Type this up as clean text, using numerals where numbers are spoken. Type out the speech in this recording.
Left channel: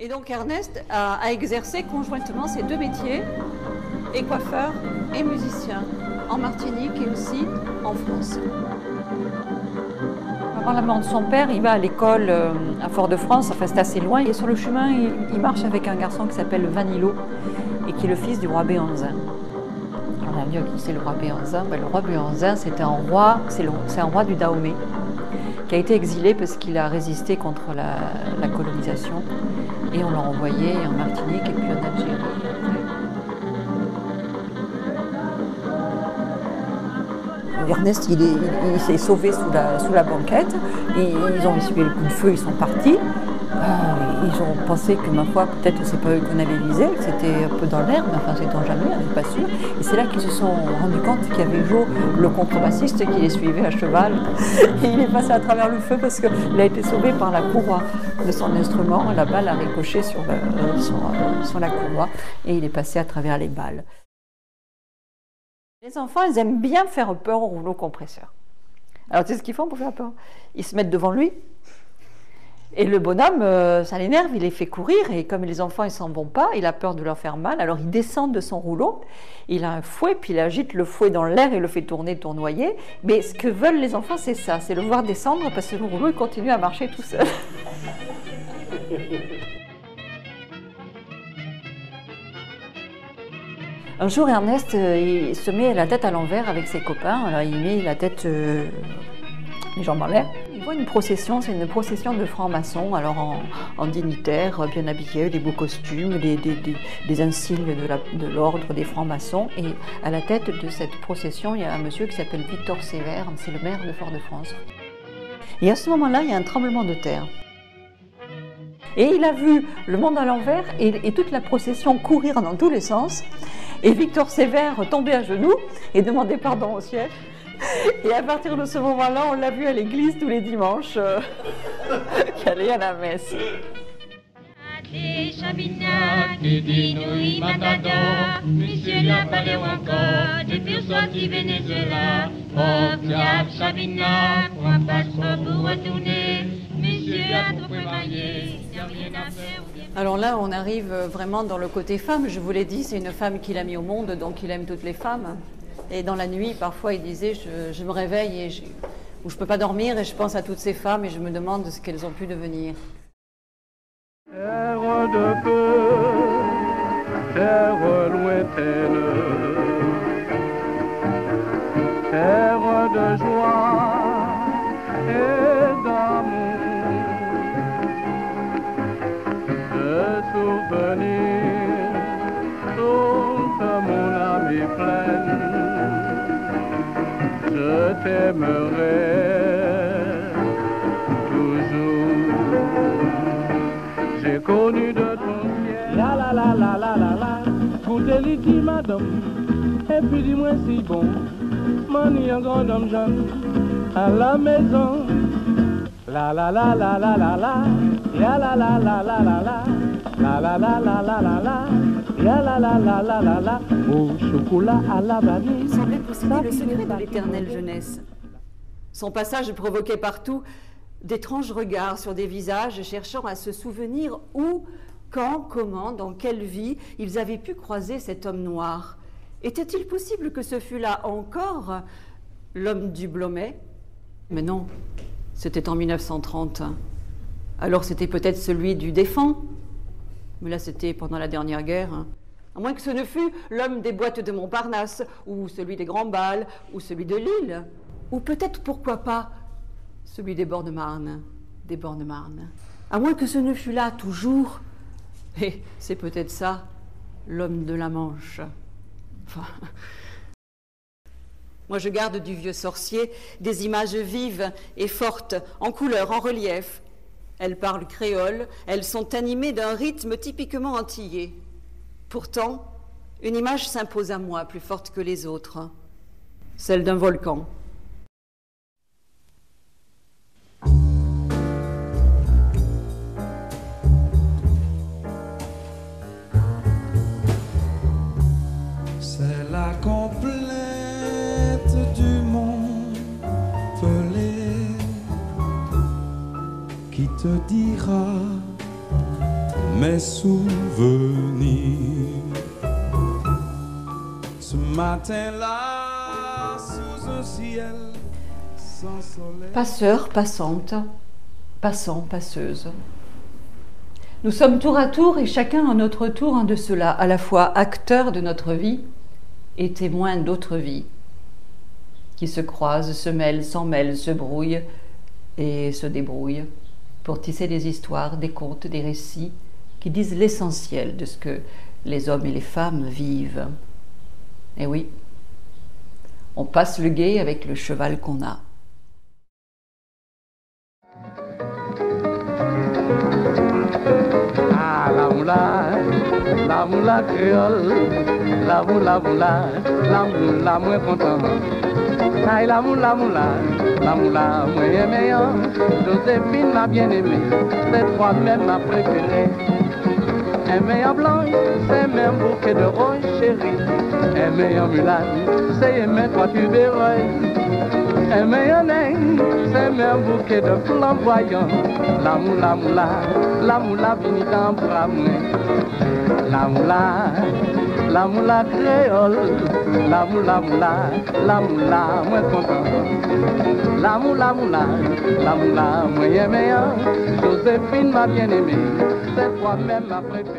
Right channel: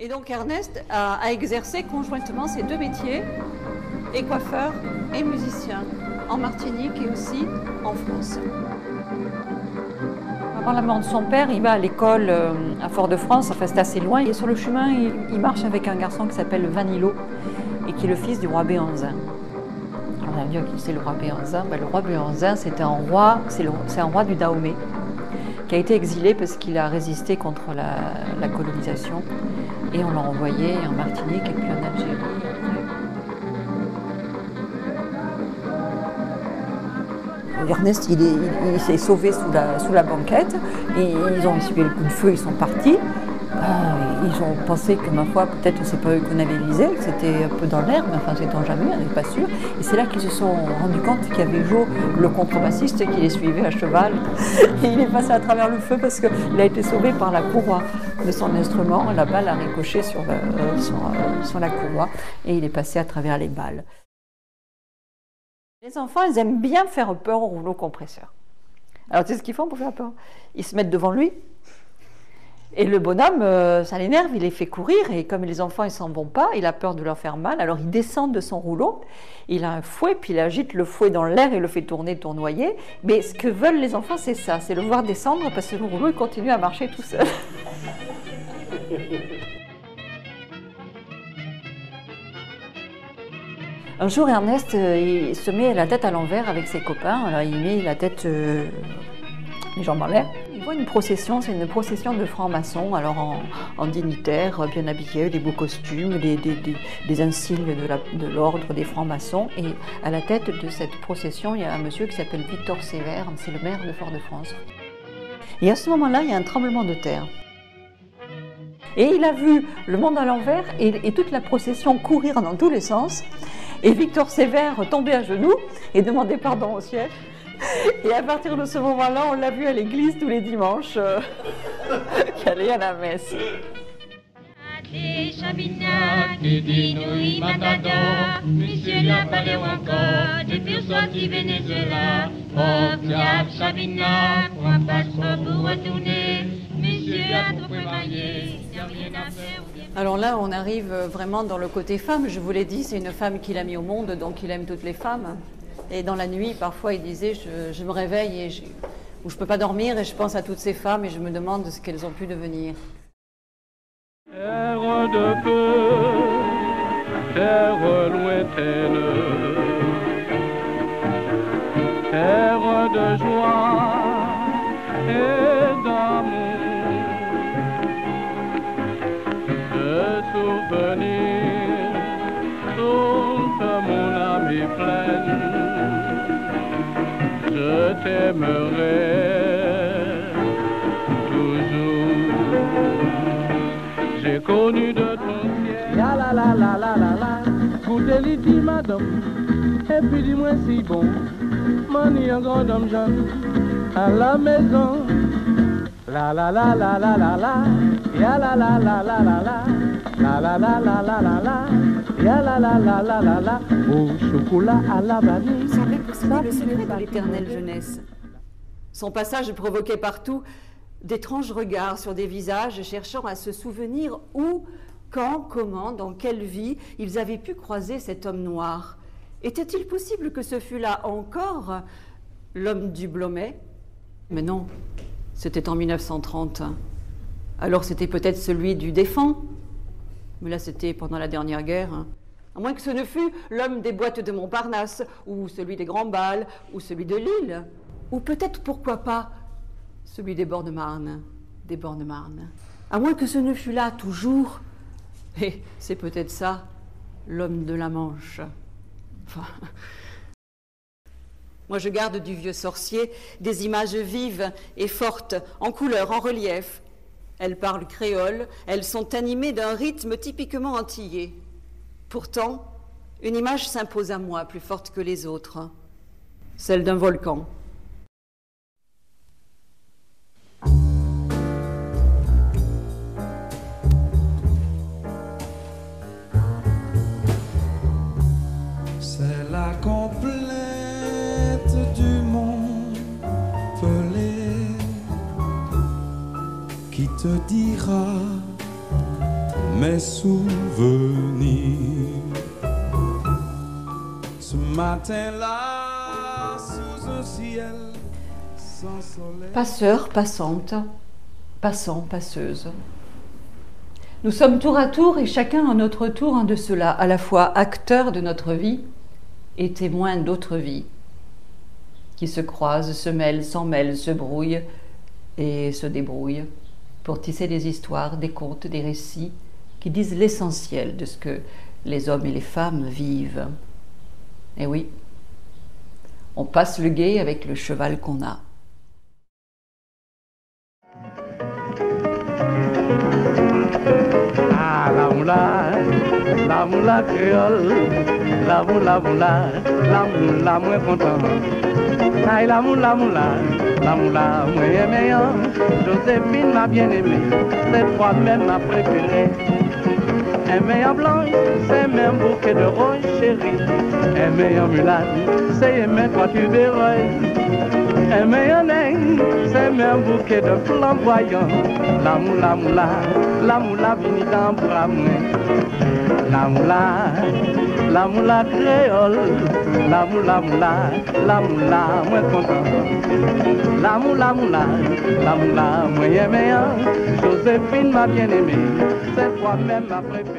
Et donc Ernest a exercé conjointement ces deux métiers, et coiffeur et musicien, en Martinique et aussi en France. Avant la mort de son père, il va à l'école à Fort-de-France, enfin c'est assez loin. Et sur le chemin, il marche avec un garçon qui s'appelle Vanilo et qui est le fils du roi Béhanzin. Alors on va me dire qui c'est le roi Béhanzin? Le roi Béhanzin, c'est un roi du Dahomey qui a été exilé parce qu'il a résisté contre la colonisation. Et on l'a envoyé en Martinique et puis en Algérie après. Ernest, il s'est sauvé sous la banquette. Ils ont essuyé le coup de feu, ils sont partis. Ils ont pensé que, ma foi, peut-être c'est pas eux qu'on avait visé, que c'était un peu dans l'air, mais enfin, sait-on jamais, on n'est pas sûr. Et c'est là qu'ils se sont rendus compte qu'il y avait Joe, le contrebassiste, qui les suivait à cheval. Et il est passé à travers le feu parce qu'il a été sauvé par la courroie de son instrument. La balle a ricoché sur la courroie et il est passé à travers les balles. Les enfants, ils aiment bien faire peur au rouleau compresseur. Alors, tu sais ce qu'ils font pour faire peur? Ils se mettent devant lui. Et le bonhomme, ça l'énerve, il les fait courir, et comme les enfants, ils s'en vont pas, il a peur de leur faire mal, alors il descend de son rouleau, il a un fouet, puis il agite le fouet dans l'air et le fait tourner, tournoyer. Mais ce que veulent les enfants, c'est ça, c'est le voir descendre, parce que le rouleau, il continue à marcher tout seul. Un jour, Ernest, il se met la tête à l'envers avec ses copains. Alors, il met la tête, les jambes en l'air. Il voit une procession, c'est une procession de francs-maçons, alors en dignitaires, bien habillés, des beaux costumes, des insignes de l'ordre des francs-maçons. Et à la tête de cette procession, il y a un monsieur qui s'appelle Victor Sévère, c'est le maire de Fort-de-France. Et à ce moment-là, il y a un tremblement de terre. Et il a vu le monde à l'envers et toute la procession courir dans tous les sens. Et Victor Sévère tombait à genoux et demandait pardon au ciel. Et à partir de ce moment-là, on l'a vu à l'église tous les dimanches, qui allait à la messe. Monsieur n'a pas l'air encore, depuis sorti Venezuela. Oh, diable, Chabina, pour un passeport pour retourner. Monsieur a trop préparé, il n'y a rien à faire. Alors là, on arrive vraiment dans le côté femme. Je vous l'ai dit, c'est une femme qu'il a mis au monde, donc il aime toutes les femmes. Et dans la nuit, parfois, il disait, je me réveille ou je ne peux pas dormir et je pense à toutes ces femmes et je me demande ce qu'elles ont pu devenir. Terre de feu, terre lointaine, terre de joie et d'amour, de souvenirs, toute mon âme est pleine, je t'aimerai toujours. J'ai connu de ton ciel, la la la la la la la, goûtez les dit madame, et puis dis-moi si bon, mani un grand homme jeune, à la maison, la la la la la la la, ya la la la la la la, la la la la la la la, ya la la la la la la, au chocolat à la vanille. Il semblait posséder le secret de l'éternelle jeunesse. Son passage provoquait partout d'étranges regards sur des visages cherchant à se souvenir où, quand, comment, dans quelle vie ils avaient pu croiser cet homme noir. Était-il possible que ce fût là encore l'homme du Blomet? Mais non, c'était en 1930. Alors c'était peut-être celui du Défend, mais là c'était pendant la dernière guerre. À moins que ce ne fût l'homme des boîtes de Montparnasse, ou celui des Grands Bals, ou celui de Lille, ou peut-être, pourquoi pas, celui des Bornes-Marne, À moins que ce ne fût là toujours, et c'est peut-être ça, l'homme de la Manche. Enfin, moi je garde du vieux sorcier des images vives et fortes, en couleur, en relief. Elles parlent créole, elles sont animées d'un rythme typiquement antillais. Pourtant, une image s'impose à moi, plus forte que les autres, celle d'un volcan. C'est la complainte du monde pelé qui te dira mes souvenirs. Ce matin-là, sous un ciel sans soleil. Passeur, passante, passant, passeuse. Nous sommes tour à tour et chacun à notre tour un de ceux-là, à la fois acteurs de notre vie et témoins d'autres vies, qui se croisent, se mêlent, s'en mêlent, se brouillent et se débrouillent pour tisser des histoires, des contes, des récits qui disent l'essentiel de ce que les hommes et les femmes vivent. Et oui, on passe le gué avec le cheval qu'on a. La moula créole, la moula moins content. Aïe la moula moins meilleur. Joséphine m'a bien aimé, cette fois même m'a préféré. Un meilleur blanc, c'est même bouquet de rose chérie. Un meilleur mulâtre, c'est même quand tu verras. Un meilleur nègre, c'est même bouquet de flamboyant. La moula vini dans bras moins. La moula créole, la moula moins content. La moula moins meilleur. Joséphine m'a bien aimé, cette fois même m'a préféré.